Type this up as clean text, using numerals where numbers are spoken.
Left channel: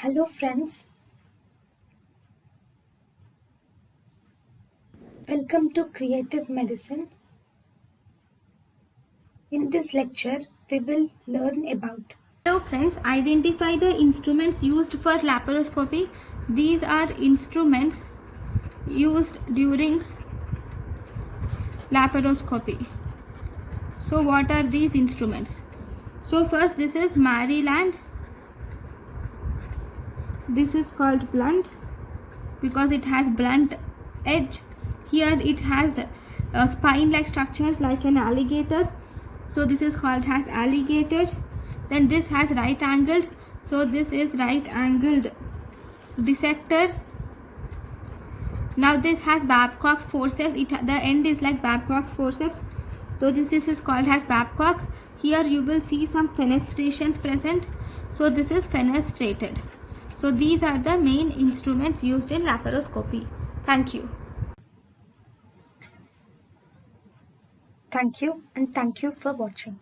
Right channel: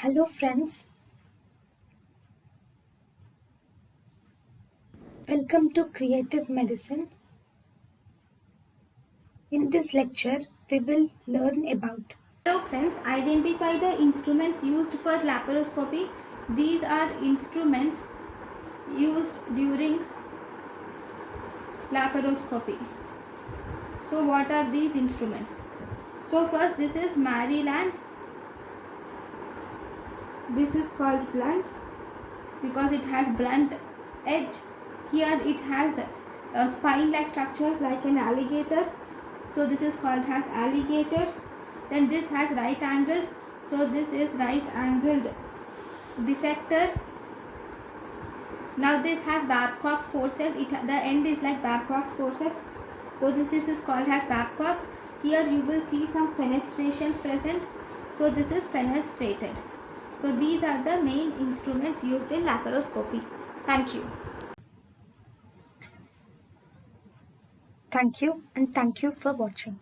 Hello friends, welcome to Creative Medicine. In this lecture, we will learn about Hello friends, identify the instruments used for laparoscopy. These are instruments used during laparoscopy. So what are these instruments? So first this is Maryland. This is called blunt because it has blunt edge. Here it has spine-like structures like an alligator. So this is called as alligator. Then this has right angled. So this is right angled dissector. Now this has Babcock's forceps. The end is like Babcock's forceps. So this is called as Babcock. Here you will see some fenestrations present. So this is fenestrated. So these are the main instruments used in laparoscopy. Thank you. Thank you and thank you for watching.